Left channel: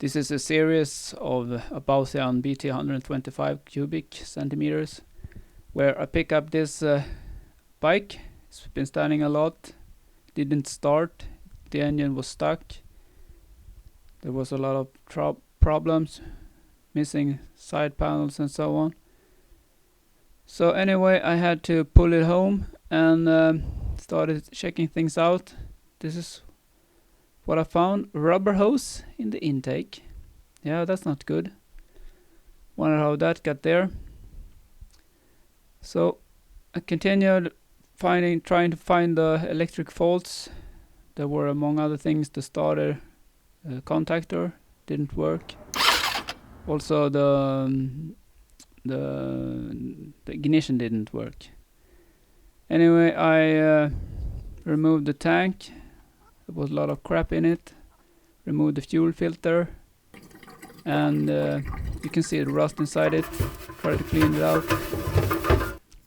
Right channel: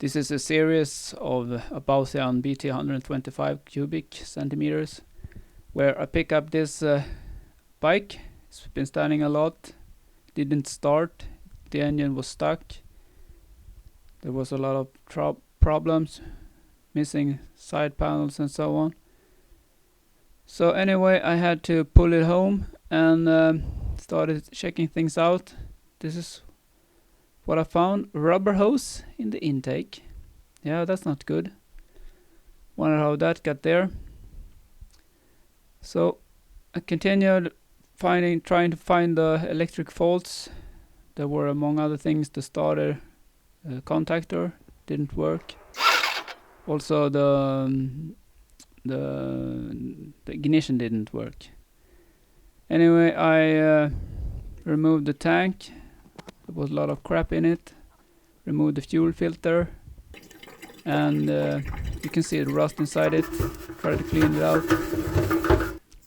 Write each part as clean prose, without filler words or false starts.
This is a series of about BT125 cubic centimeters, where I pick up this bike. It's been standing a lot, didn't start, the engine was stuck, there was a lot of problems, missing side panels and so on. So anyway, I had to pull it home and started checking things out. This is what I found: rubber hose in the intake. Yeah, that's not good. Wonder how that got there. So I continued trying to find the electric faults. There were, among other things, the starter contactor didn't work. Also the ignition didn't work. Anyway, I removed the tank. There was a lot of crap in it. Removed the fuel filter, and you can see the rust inside it. Try to clean it out,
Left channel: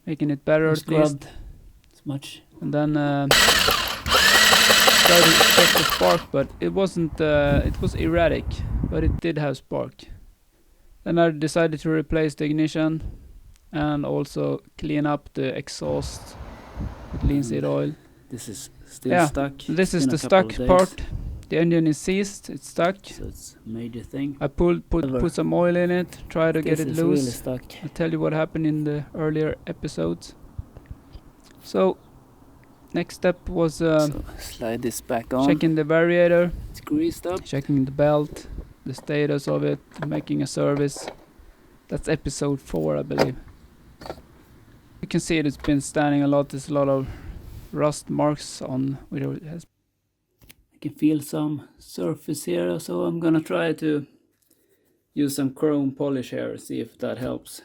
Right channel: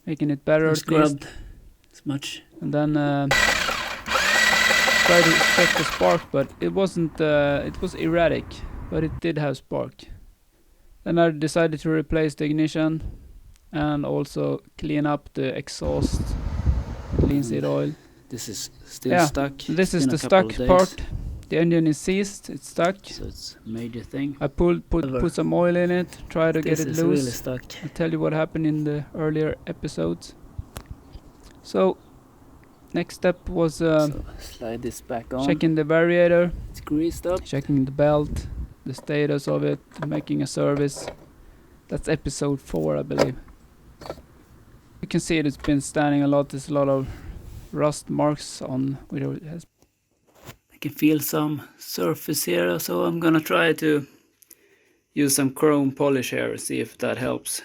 making it better at least. As much. And then tried to check the spark, but it wasn't. It was erratic, but it did have spark. Then I decided to replace the ignition and also clean up the exhaust with linseed oil. This is still stuck. This is the stuck part. The engine is seized, it's stuck. So it's a major thing. I put some oil in it, try to get it loose. Really stuck. I'll tell you what happened in the earlier episodes. So next step was so slide this back on. Checking the variator. It's greased up. Checking the belt, the status of it, making a service. That's episode 4, I believe. You can see it's been standing a lot. There's a lot of rust marks on where it has. I can feel some surface here, so I'm gonna try to use some chrome polish here and see if that helps.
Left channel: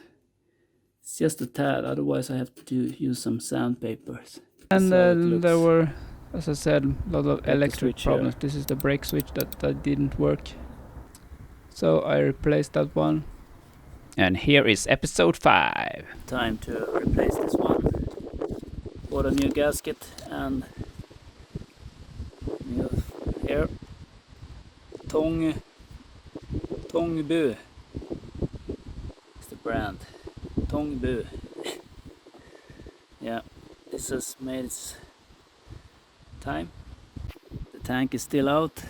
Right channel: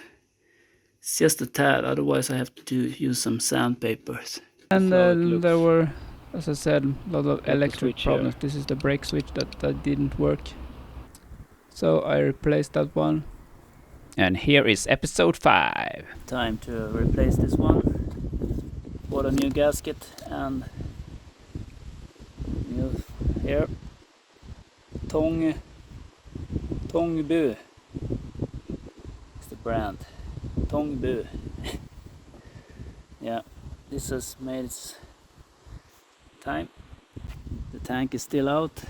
It's just a tad, otherwise I have to use some sandpapers. And there were, as I said, a lot of electric problems. Here. This is the brake switch that didn't work. So I replaced that one. And here is episode 5. Time to replace this one. Bought a new gasket and new here. Tong Bu. It's the brand. Tong Bu. Yeah, this has made its time. The tank is still out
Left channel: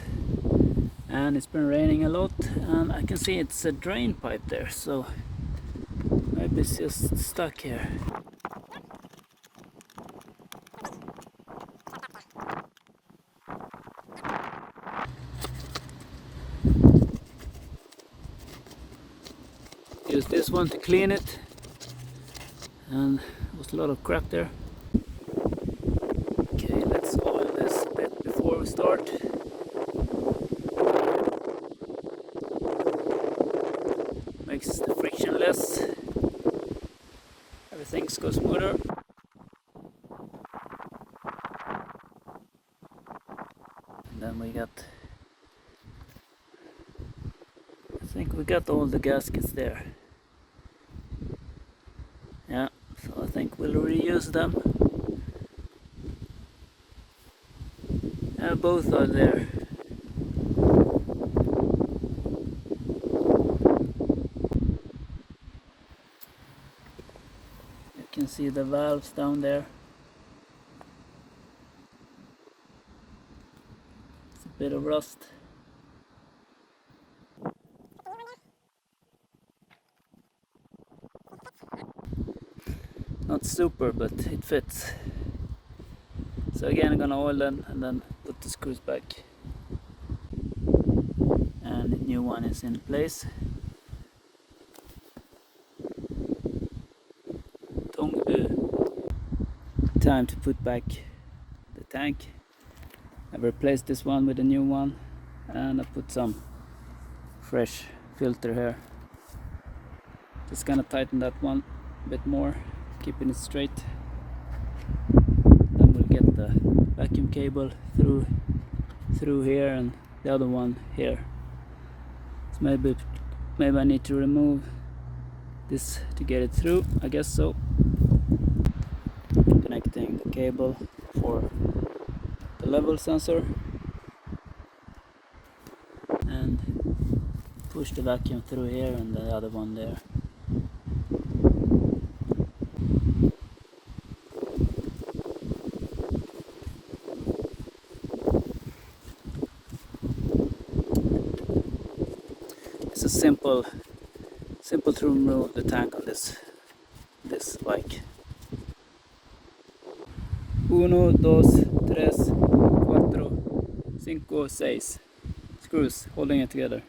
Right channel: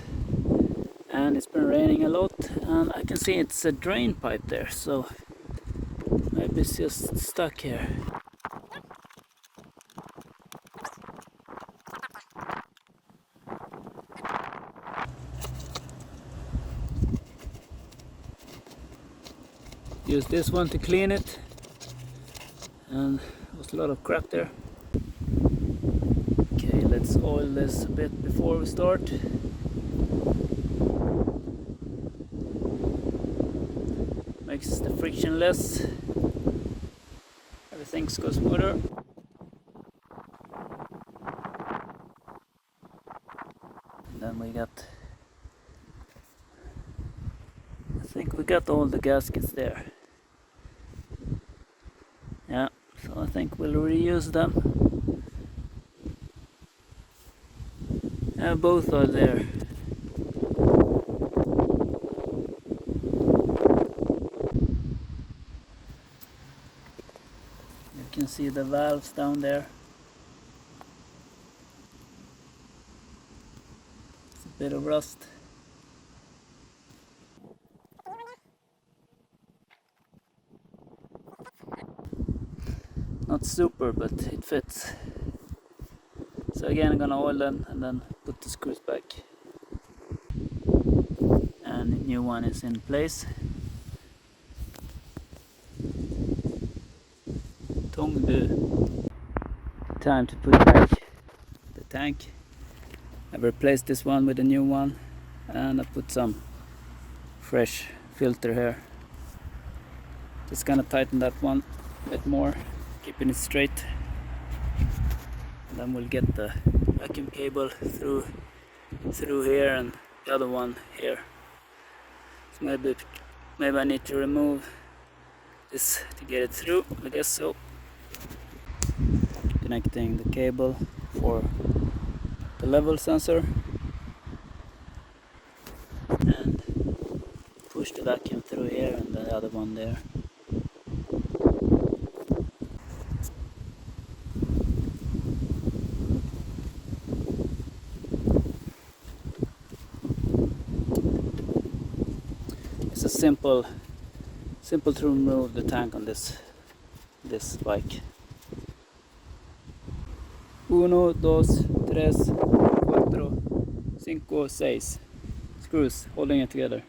and it's been raining a lot, and I can see it's a drain pipe there, so maybe it's just stuck here. Use this one to clean it, and there's a lot of crap there. Okay, let's oil this a bit before we start. Makes the friction less, everything goes smoother. And then we got, I think we got all the gaskets there. Yeah, so I think we'll reuse them. Both are there. You can see the valves down there. It's a bit of rust. Not super, but it fits. So again, I'm gonna oil them and then put the screws back. And the new one is in place. Tong Bu. Time to put back the tank. I replaced this one with a new one, and I put some fresh filter here. Just gonna tighten that one a bit more, keeping it straight. Then we'll get the vacuum cable through here and the other one here. So maybe I need to remove this to get it through, I guess so. Connecting the cable for the level sensor, and push the vacuum through here and the other one there. It's a simple to remove the tank on this bike. 1, 2, 3, 4, 5, 6 screws holding it together.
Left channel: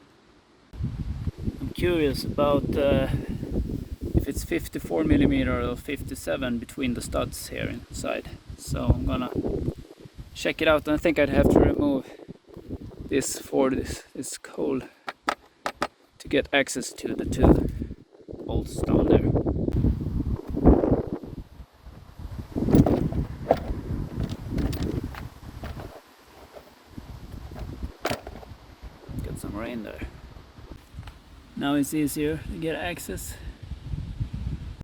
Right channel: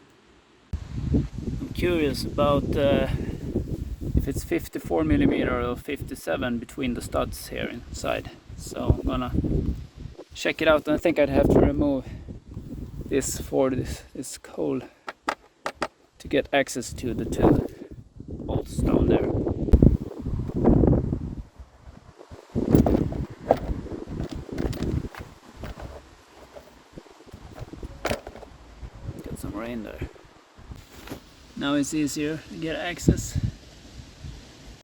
I'm curious about if it's 54mm or 57 between the studs here inside. So I'm gonna check it out, and I think I'd have to remove this for this hole to get access to the 2 bolts down there. Got some rain there. Now it's easier to get access.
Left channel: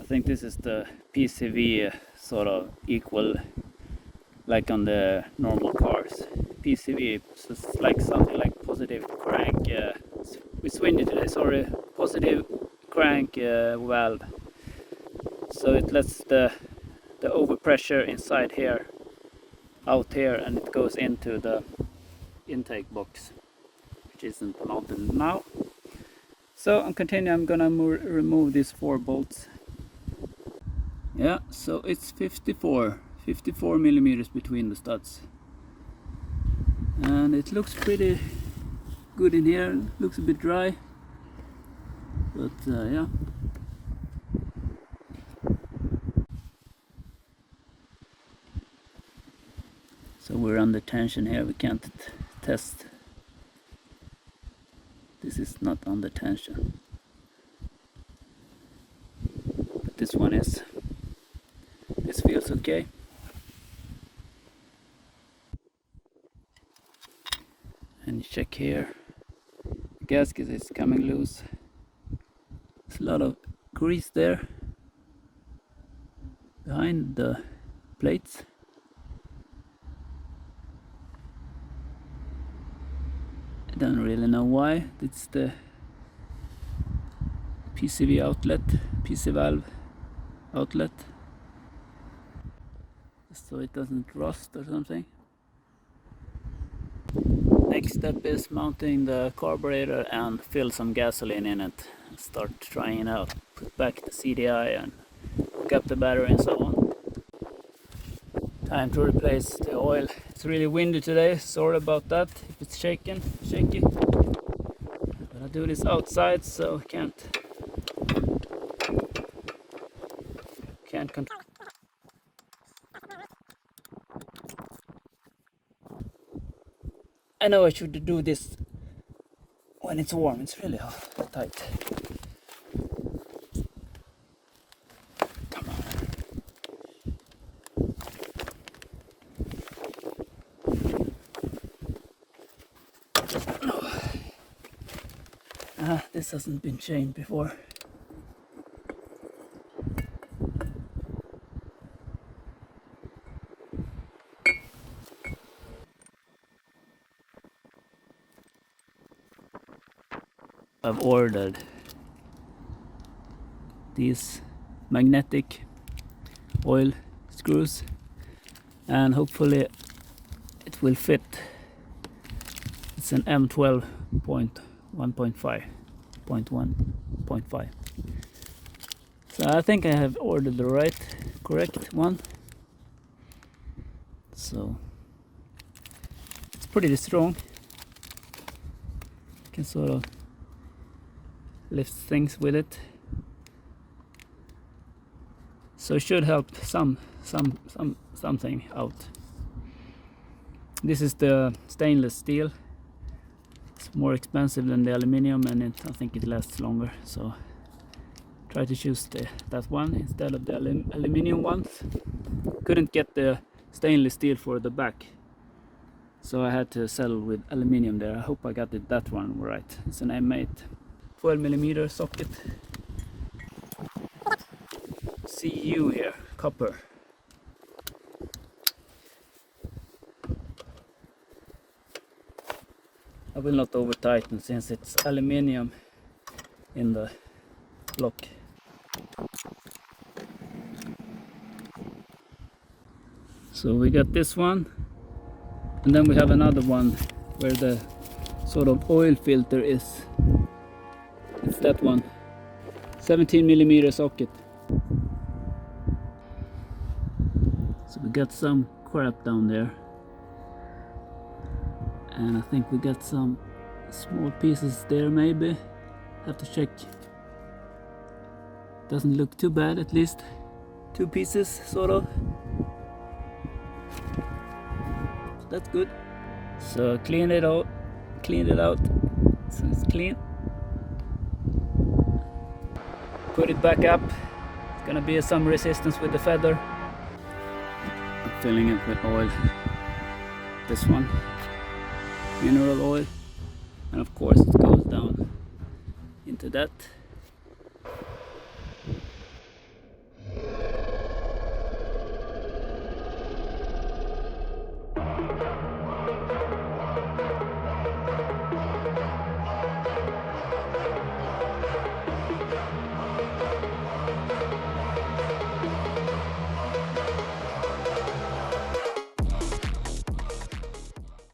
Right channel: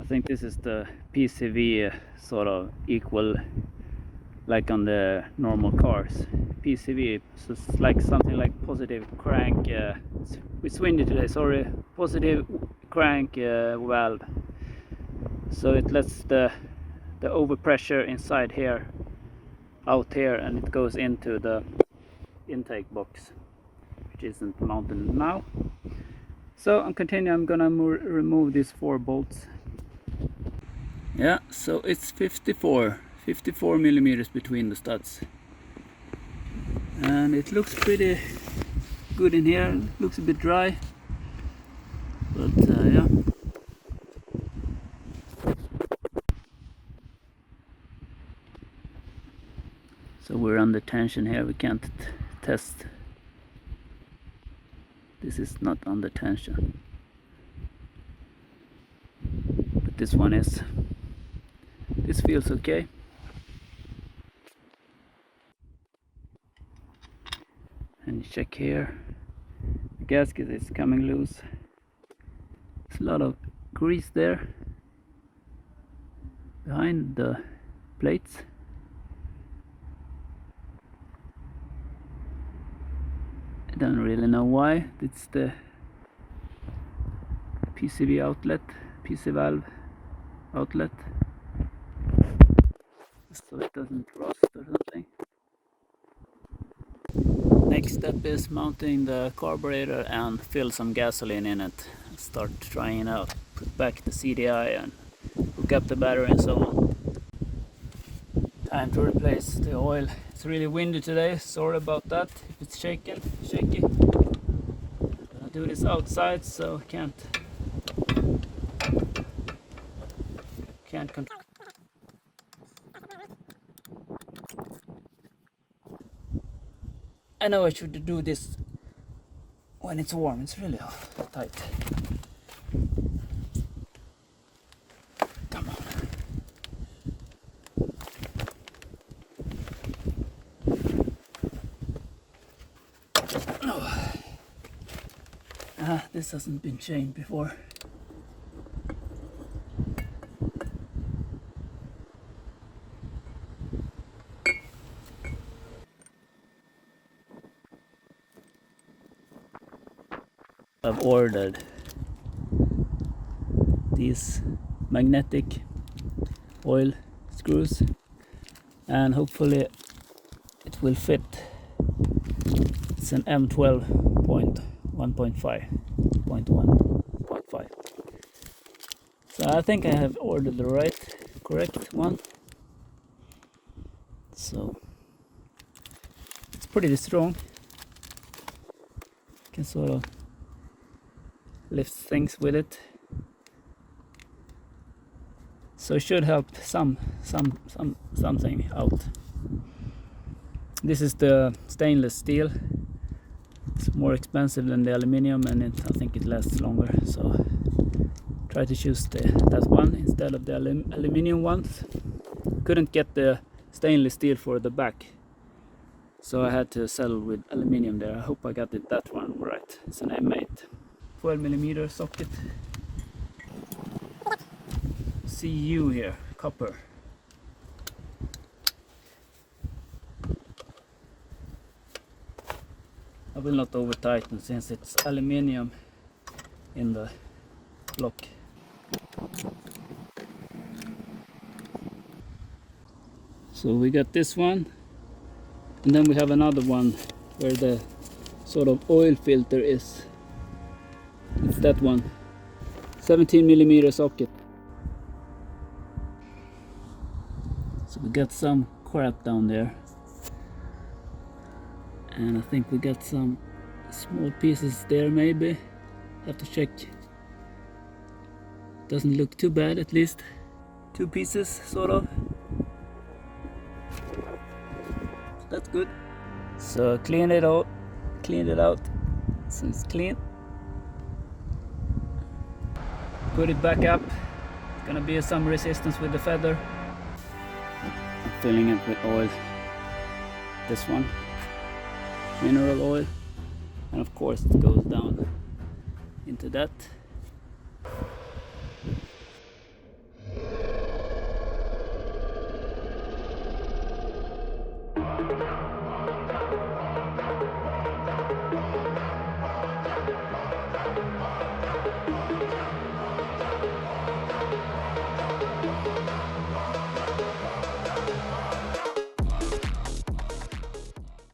I think this is the PCV sort of equal like on the normal cars. PCV, so it's like something like positive crank, it's windy today, sorry, positive crank valve. So it lets the overpressure inside here out here, and it goes into the intake box, which isn't mounted now. So I'm continuing, I'm gonna remove these 4 bolts. Yeah, so it's 54mm between the studs. And it looks pretty good in here, looks a bit dry. But yeah. So we're under tension here, we can't test. This is not under tension. But this one is. This feels okay. And you check here. The gasket is coming loose. There's a lot of grease there behind the plates. I don't really know why. It's the PCV outlet, PC valve outlet, so it doesn't rust or something. Next step is mounting the carburetor and fill some gasoline in it. Start trying it out. Put back the CDI and hook up the battery and so on. Time to replace the oil. It's really windy today, sorry about that if it's shaky. I'm gonna do this outside, so can't control. I know I should do this when it's warm, it's really tight. Come on. This hasn't been chained before. I've ordered these magnetic oil screws, and hopefully it will fit. It's an M12.1.5. So I think I have ordered the correct one. So it's pretty strong. You can sort of lift things with it. So it should help something out. This is the stainless steel. It's more expensive than the aluminium, and I think it lasts longer. So try to choose that one instead of the aluminium ones. Couldn't get the stainless steel for the back, so I had to settle with aluminium there. I hope I got that one right. It's an M8. 12mm socket. CU here, copper. I will not over tighten since it's aluminium. in the block. So we got this one, and then we have another one where the sort of oil filter is. It's that one, 17mm socket. So we got some crap down there, and I think we got some small pieces there maybe. Have to check. Doesn't look too bad, at least 2 pieces sort of. So that's good. So cleaned it out, so it's clean. Put it back up. It's gonna be some resistance with the feather. I'm filling it with oil. This one, mineral oil, and of course it goes down into that.